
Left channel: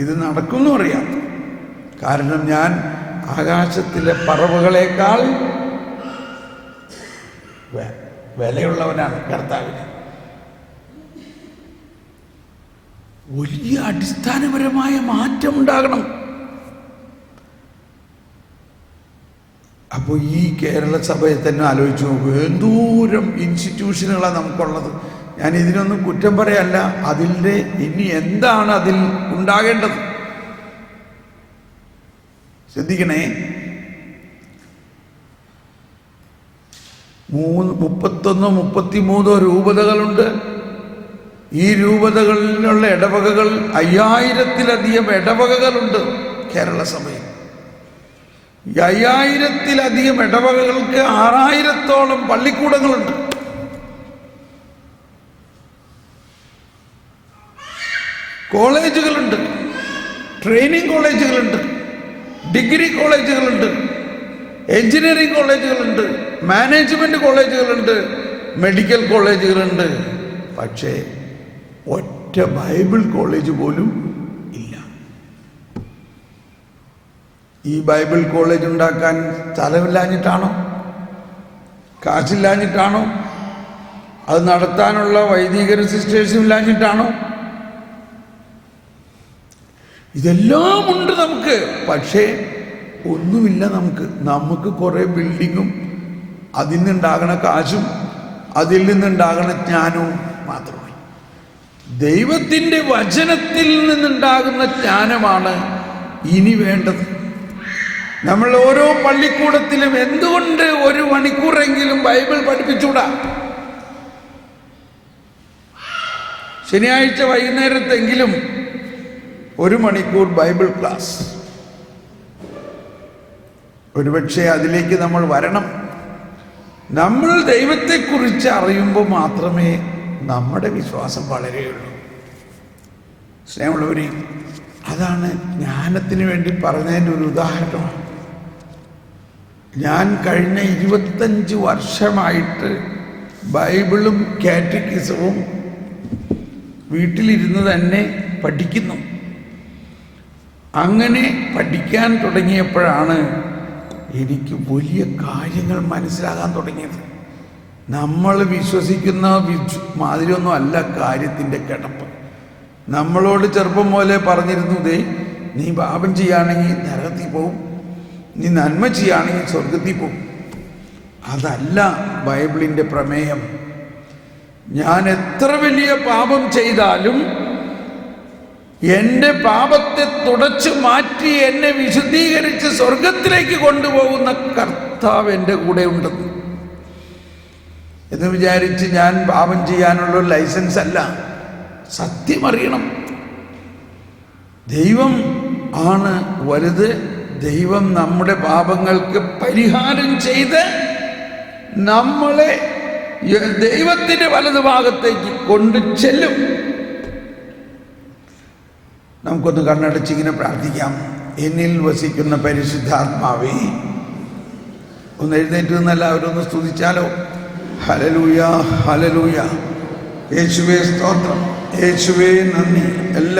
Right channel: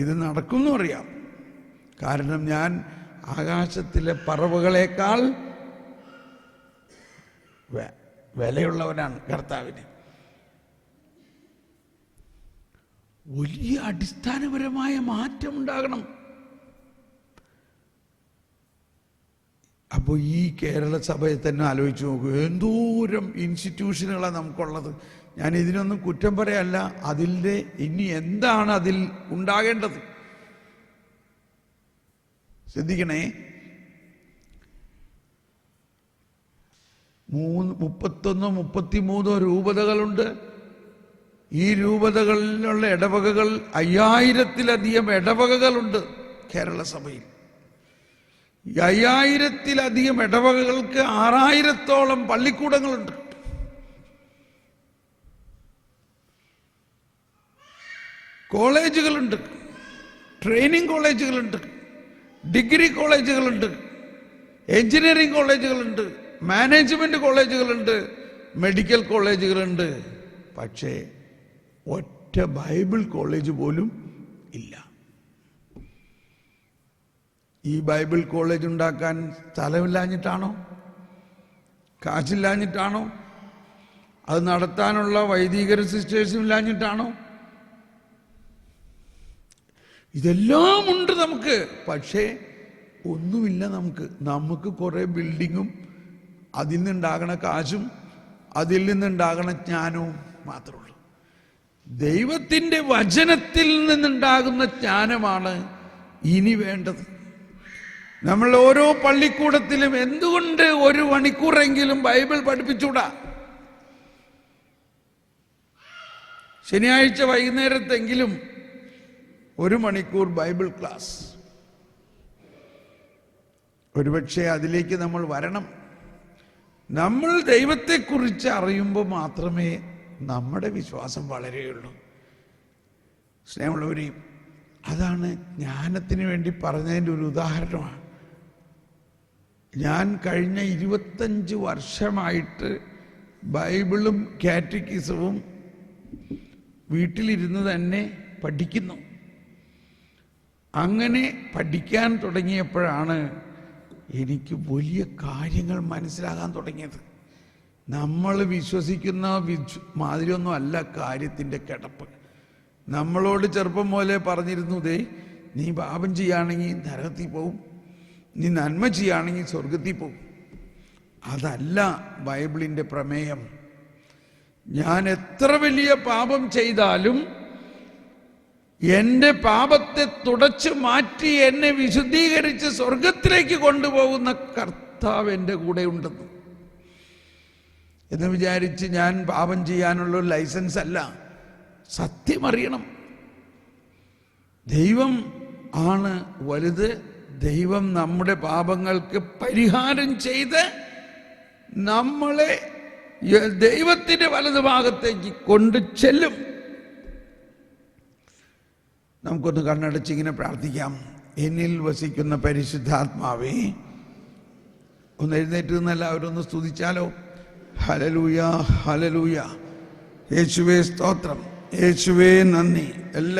ഇത് നടക്കുമെന്നും അറിയാം. കാരണം ഞാൻ ആകാശത്തിലെ പറവകളേക്കാൾ വിലയുള്ളവനാണ് കർത്താവിന്. വലിയ അടിസ്ഥാനപരമായ മാറ്റം ഉണ്ടാകണം. അപ്പോൾ ഈ കേരള സഭയെ തന്നെ ആലോചിച്ച് നോക്കൂ, എന്തോരം ഇൻസ്റ്റിറ്റ്യൂഷനുകളാണ് നമുക്കുള്ളത്. ഞാൻ ഇതിനൊന്നും കുറ്റം പറയല്ല, അതിൻ്റെ ഇനി എന്താണ് അതിൽ ഉണ്ടാകേണ്ടത് ശ്രദ്ധിക്കണേ. 31 33 രൂപതകളുണ്ട്. ഈ രൂപതകളിലുള്ള ഇടവകകൾ 5000-ലധികം ഇടവകകളുണ്ട് കേരള സഭയിൽ. 5000-ലധികം ഇടവകകൾക്ക് 6000-ഓളം പള്ളിക്കൂടങ്ങളുണ്ട്. കോളേജുകളുണ്ട്, ട്രെയിനിങ് കോളേജുകളുണ്ട്, ഡിഗ്രി കോളേജുകളുണ്ട്, എഞ്ചിനീയറിംഗ് കോളേജുകളുണ്ട്, മാനേജ്മെന്റ് കോളേജുകളുണ്ട്, മെഡിക്കൽ കോളേജുകളുണ്ട്. പക്ഷേ ഒറ്റ ബൈബിൾ കോളേജ് പോലും ഇല്ല. ഈ ബൈബിൾ കോളേജ് ഉണ്ടാക്കാൻ സ്ഥലമില്ലാഞ്ഞിട്ടാണോ? കാശില്ലാഞ്ഞിട്ടാണോ? അത് നടത്താനുള്ള വൈദികരും സിസ്റ്റേഴ്സും ഇല്ലാഞ്ഞിട്ടാണോ? ഇതെല്ലാം ഉണ്ട് നമുക്ക്, പക്ഷേ ഒന്നുമില്ല നമുക്ക് കുറേ ബിൽഡിങ്ങും അതിൽ നിന്നുണ്ടാകണ കാശും അതിൽ നിന്നുണ്ടാകണ ജ്ഞാനവും മാത്രമേ. ദൈവത്തിൻ്റെ വചനത്തിൽ നിന്നുണ്ടാകുന്ന ജ്ഞാനമാണ് ഇനി വേണ്ടത്. നമ്മൾ ഓരോ പള്ളിക്കൂടത്തിലും എന്തുകൊണ്ട് 1 മണിക്കൂറെങ്കിലും ബൈബിൾ പഠിപ്പിച്ചൂടാ? ശനിയാഴ്ച വൈകുന്നേരത്തെങ്കിലും 1 മണിക്കൂർ ബൈബിൾ ക്ലാസ്. ഒരുപക്ഷെ അതിലേക്ക് നമ്മൾ വരണം. നമ്മൾ ദൈവത്തെക്കുറിച്ച് അറിയുമ്പോൾ മാത്രമേ നമ്മുടെ വിശ്വാസം വളരെയുള്ളൂ. സ്നേഹമുള്ളവരെ, അതാണ് ജ്ഞാനത്തിന് വേണ്ടി പറഞ്ഞതിൻ്റെ ഒരു ഉദാഹരണമാണ്. ഞാൻ കഴിഞ്ഞ 25 വർഷമായിട്ട് ബൈബിളും കാറ്റക്കിസവും വീട്ടിലിരുന്ന് തന്നെ പഠിക്കുന്നു. അങ്ങനെ പഠിക്കാൻ തുടങ്ങിയപ്പോഴാണ് എനിക്ക് വലിയ കാര്യങ്ങൾ മനസ്സിലാകാൻ തുടങ്ങിയത്. നമ്മൾ വിശ്വസിക്കുന്ന മാതിരിയൊന്നും അല്ല കാര്യത്തിൻ്റെ കിടപ്പ്. നമ്മളോട് ചെറുപ്പം പോലെ പറഞ്ഞിരുന്നു, നീ പാപം ചെയ്യുകയാണെങ്കിൽ നരകത്തിൽ പോവും, നീ നന്മ ചെയ്യുകയാണെങ്കിൽ സ്വർഗത്തിൽ പോവും. അതല്ല ബൈബിളിൻ്റെ പ്രമേയം. ഞാൻ എത്ര വലിയ പാപം ചെയ്താലും എൻ്റെ പാപത്തെ തുടച്ചു മാറ്റി എന്നെ വിശുദ്ധീകരിച്ച് സ്വർഗത്തിലേക്ക് കൊണ്ടുപോകുന്ന കർത്താവ് എൻ്റെ കൂടെ ഉണ്ടെന്ന് എന്ന് വിചാരിച്ച് ഞാൻ പാപം ചെയ്യാനുള്ള ലൈസൻസ് അല്ല. സത്യം അറിയണം. ദൈവം ആണ് വലുത്. ദൈവം നമ്മുടെ പാപങ്ങൾക്ക് പരിഹാരം ചെയ്ത് നമ്മളെ ദൈവത്തിൻ്റെ വലതുഭാഗത്തേക്ക് കൊണ്ടു ചെല്ലും. നമുക്കൊന്ന് കണ്ണടച്ചിങ്ങനെ പ്രാർത്ഥിക്കാം. എന്നിൽ വസിക്കുന്ന പരിശുദ്ധാത്മാവേ, ഒന്ന് എഴുന്നേറ്റ് നിന്ന് എല്ലാവരും ഒന്ന് സ്തുതിച്ചാലോ. Hallelujah, hallelujah. യേശുവേ സ്തോത്രം, യേശുവേ നന്ദി.